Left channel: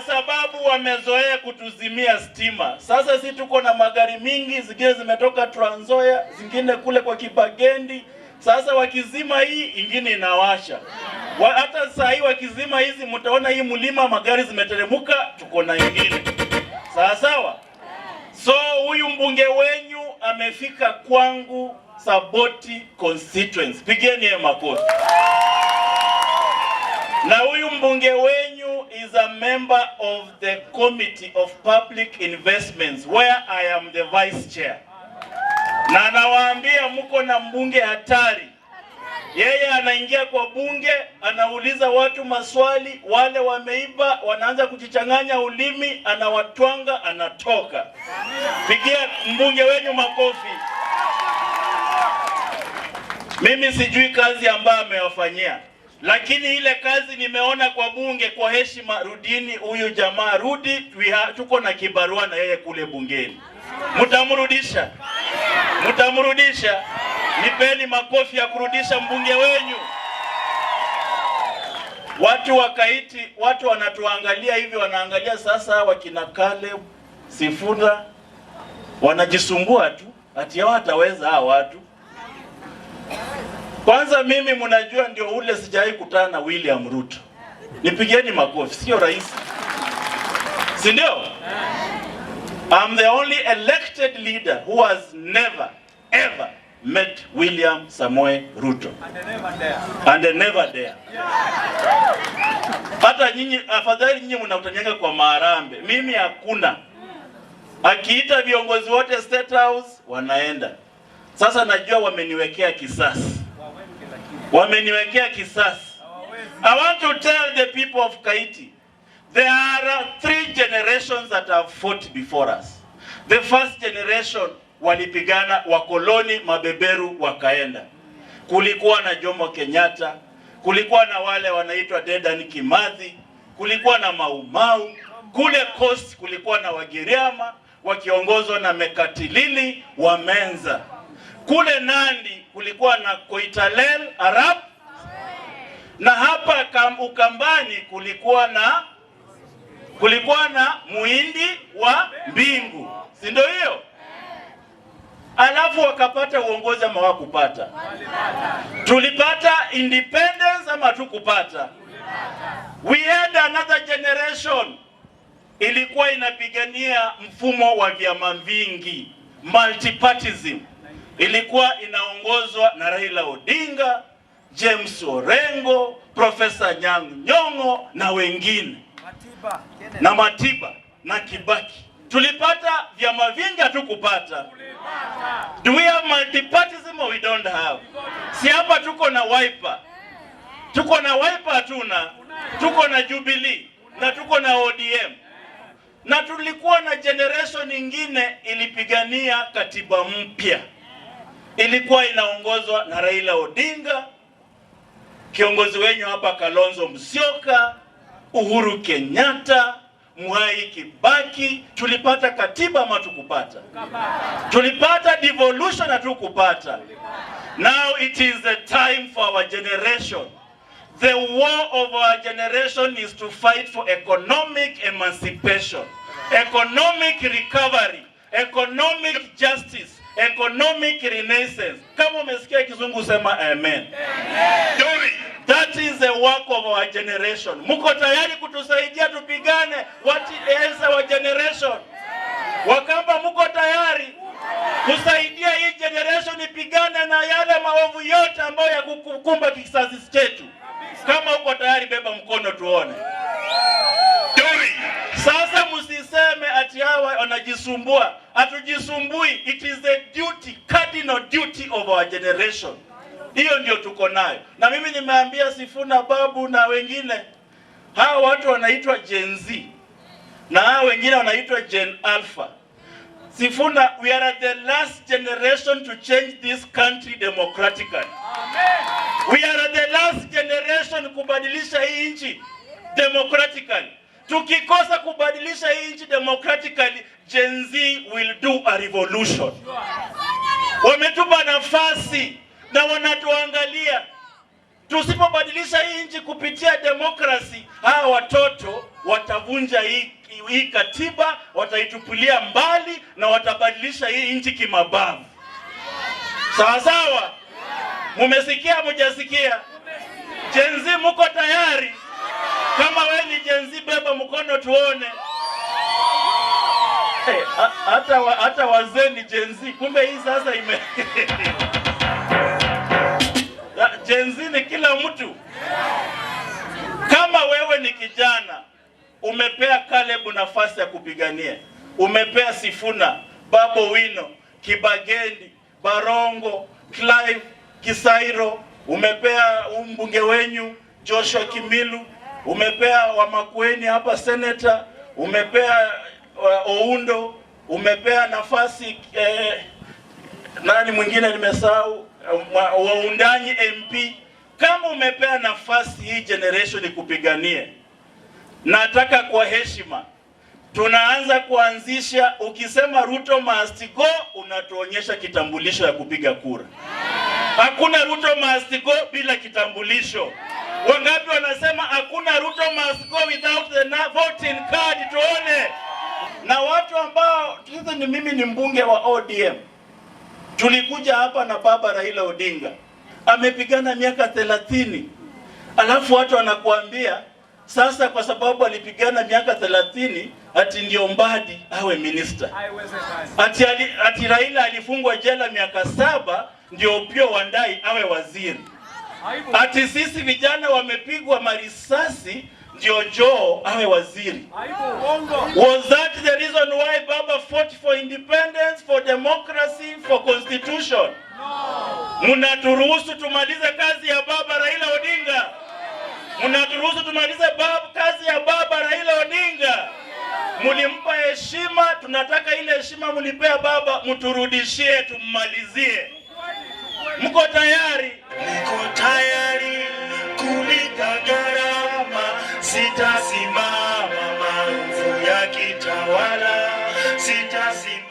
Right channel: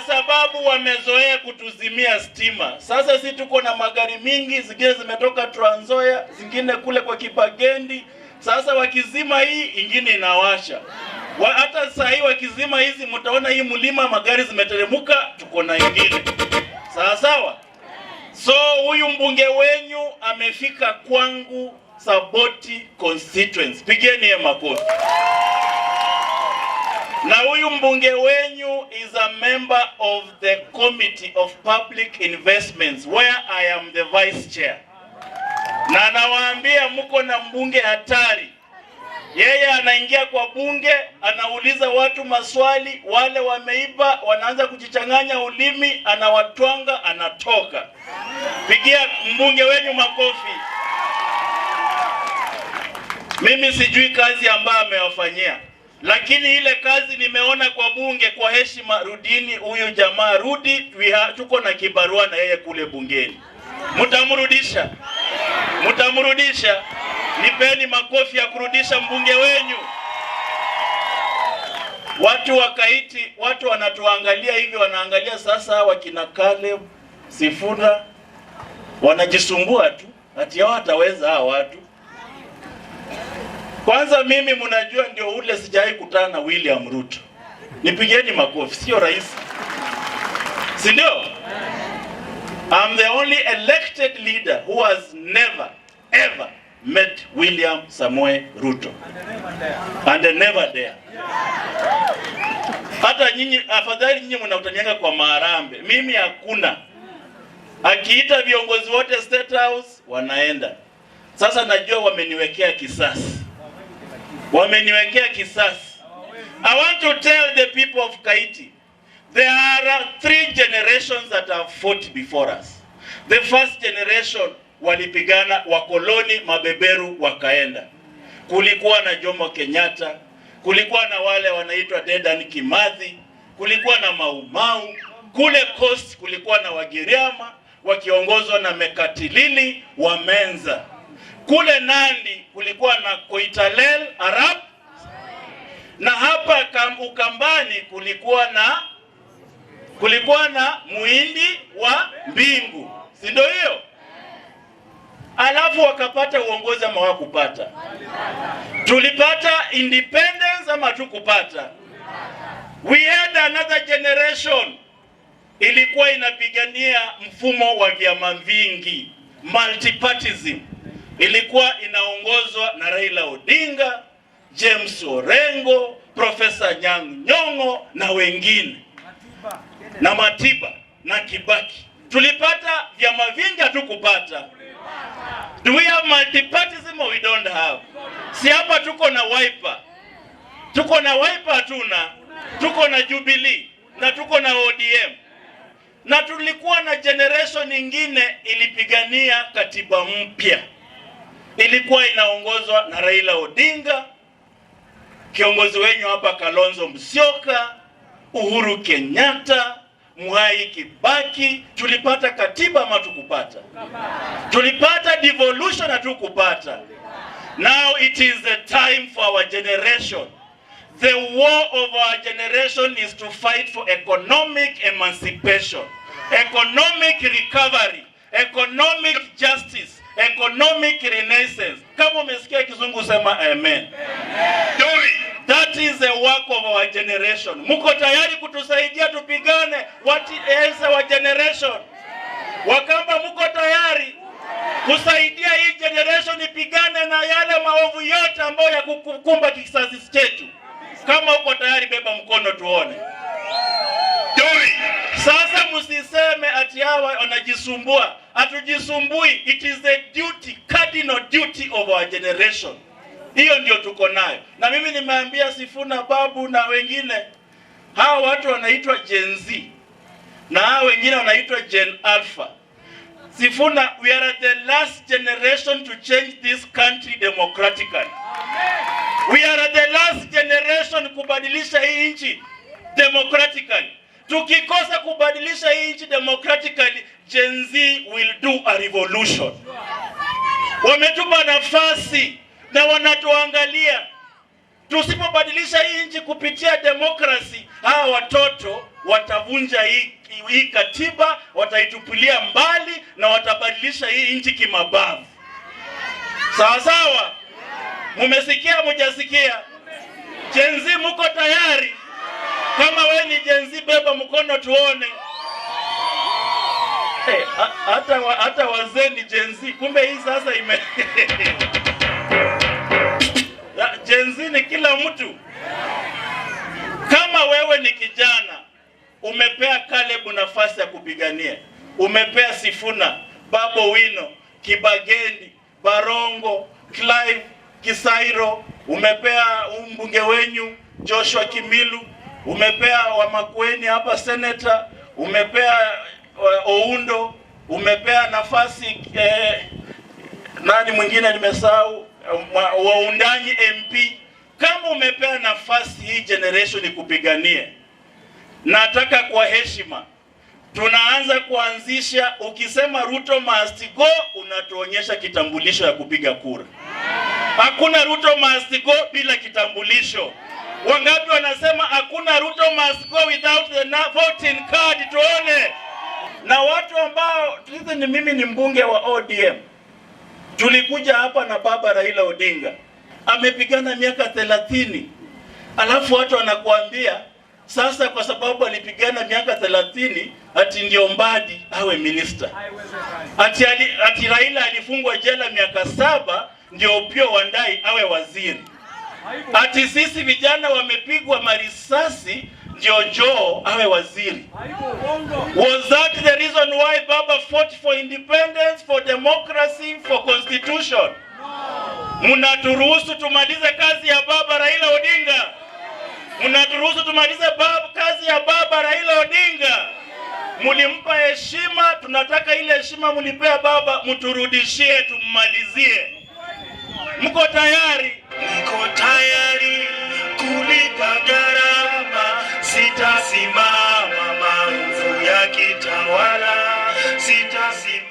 kwa sababu wamezoea kutuzimia stima. Sasa sisi tuko na magari mingi, zingine zimetoka Trans Nzoia, zingine kule kwa Kibagendi. Sasa wakizima hii, ingine inawasha. Hata sasa hii wakizima hizi, mtaona hii mlima magari zimeteremuka, tuko na ingine. Sawa sawa? So huyu mbunge wenyu amefika kwangu Saboti constituency. Pigeni yeye makofi. Na huyu mbunge wenyu is a member of the Committee of Public Investments where I am the vice chair. Na nawaambia mko na mbunge hatari. Yeye anaingia kwa bunge, anauliza watu maswali, wale wameiba wanaanza kujichanganya ulimi, anawatwanga, anatoka. Pigia mbunge wenyu makofi. Mimi sijui kazi ambayo amewafanyia, lakini ile kazi nimeona kwa bunge. Kwa heshima, rudini huyu jamaa, rudi. Tuko na kibarua na yeye kule bungeni. Mtamrudisha? Mtamrudisha? Nipeni makofi ya kurudisha mbunge wenyu. Watu wakaiti, watu wanatuangalia hivi, wanaangalia sasa wakina Caleb, Sifuna wanajisumbua tu, ati hao wataweza hao watu. Kwanza mimi mnajua ndio ule sijai kutana na William Ruto. Nipigeni makofi, sio rais. Si ndio? I'm the only elected leader who has never ever met William Samoei Ruto. And never there. Hata nyinyi, afadhali nyinyi mnautanyanga kwa maharambe. Mimi hakuna. Akiita viongozi wote State House wanaenda. Sasa najua wameniwekea kisasi. Wameniwekea kisasi. I want to tell the people of Kaiti, there are 3 generations that have fought before us. The first generation walipigana, wakoloni mabeberu wakaenda. Kulikuwa na Jomo Kenyatta, kulikuwa na wale wanaitwa Dedan Kimathi, kulikuwa na Mau Mau, kule Coast kulikuwa na Wagiriama wakiongozwa na Mekatilili wa Menza. Kule Nandi kulikuwa na Koitalel Arab, na hapa Ukambani kulikuwa na Muhindi wa Mbingu. Si ndio hiyo? Alafu wakapata uongozi ama hawakupata? Tulipata independence ama hatukupata? We had another generation ilikuwa inapigania mfumo wa vyama vingi, multipartyism. Ilikuwa inaongozwa na Raila Odinga, James Orengo, Professor Nyong'o na wengine. Na Matiba na Kibaki. Tulipata vyama vingi hatukupata? Do we have multipartyism or we don't have? Si hapa tuko na Wiper. Tuko na Wiper hatuna. Tuko na Jubilee na tuko na ODM. Na tulikuwa na generation nyingine ilipigania katiba mpya. Ilikuwa inaongozwa na Raila Odinga, kiongozi wenyu hapa Kalonzo Musyoka, Uhuru Kenyatta, Mwai Kibaki. Tulipata katiba ama tukupata? Tulipata devolution na tukupata? Now it is the time for our generation. The war of our generation is to fight for economic emancipation, economic recovery, economic justice, economic renaissance. Kama umesikia kizungu sema amen. Amen. That is the work of our generation. Muko tayari kutusaidia tupigane? What is our generation? Wakamba muko tayari kusaidia hii generation ipigane na yale maovu yote ambayo ya kukumba kizazi chetu? Kama uko tayari beba mkono tuone. Sasa msiseme ati hawa wanajisumbua. Hatujisumbui. It is the duty, cardinal duty of our generation. Hiyo ndio tuko nayo. Na mimi nimeambia Sifuna, Babu na wengine, hawa watu wanaitwa Gen Z na hawa wengine wanaitwa Gen Alpha. Sifuna, we are the last generation to change this country democratically. Amen. We are the last generation kubadilisha hii nchi democratically. Tukikosa kubadilisha hii nchi democratically, Gen Z will do a revolution. Wametupa nafasi na wanatuangalia. Tusipobadilisha hii nchi kupitia demokrasi, hawa watoto watavunja hii katiba, wataitupilia mbali na watabadilisha hii nchi kimabavu. Sawa sawa? Mumesikia mujasikia? Gen Z muko tayari? Kama we ni Gen Z, beba mkono tuone. Hata wazee ni Gen Z. Kumbe hii sasa ime Gen Z ni kila mtu. Kama wewe ni kijana, umepea Caleb nafasi ya kupigania, umepea Sifuna, Babu Owino, Kibagendi, Barongo, Clive Kisairo, umepea mbunge wenyu Joshua Kimilu, umepea wa Makueni hapa senator, umepea Oundo, umepea nafasi nani mwingine nimesahau, Waundanyi MP. Kama umepea nafasi hii generation kupigania, nataka kwa heshima tunaanza kuanzisha, ukisema Ruto must go, unatuonyesha kitambulisho ya kupiga kura. Hakuna Ruto must go bila kitambulisho. Wangapi wanasema hakuna Ruto must go without the voting card? Tuone. Na watu ambao ni mimi ni mbunge wa ODM. Tulikuja hapa na baba Raila Odinga. Amepigana miaka 30. Alafu watu wanakuambia sasa kwa sababu alipigana miaka 30 ati ndio Mbadi awe minister. Ati Raila alifungwa jela miaka 7 ndio Opiyo Wandayi awe waziri. Ati sisi vijana wamepigwa marisasi ndio Joe awe waziri. Was that the reason why Baba fought for independence, for democracy, for constitution? Mnaturuhusu tumalize kazi ya baba Raila Odinga? Mnaturuhusu tumalize kazi ya baba Raila Odinga? Mulimpa heshima, tunataka ile heshima mulipea baba mturudishie, tummalizie. Mko tayari? Niko tayari kulipa gharama, sitasimama maovu ya kitawala, sitasimama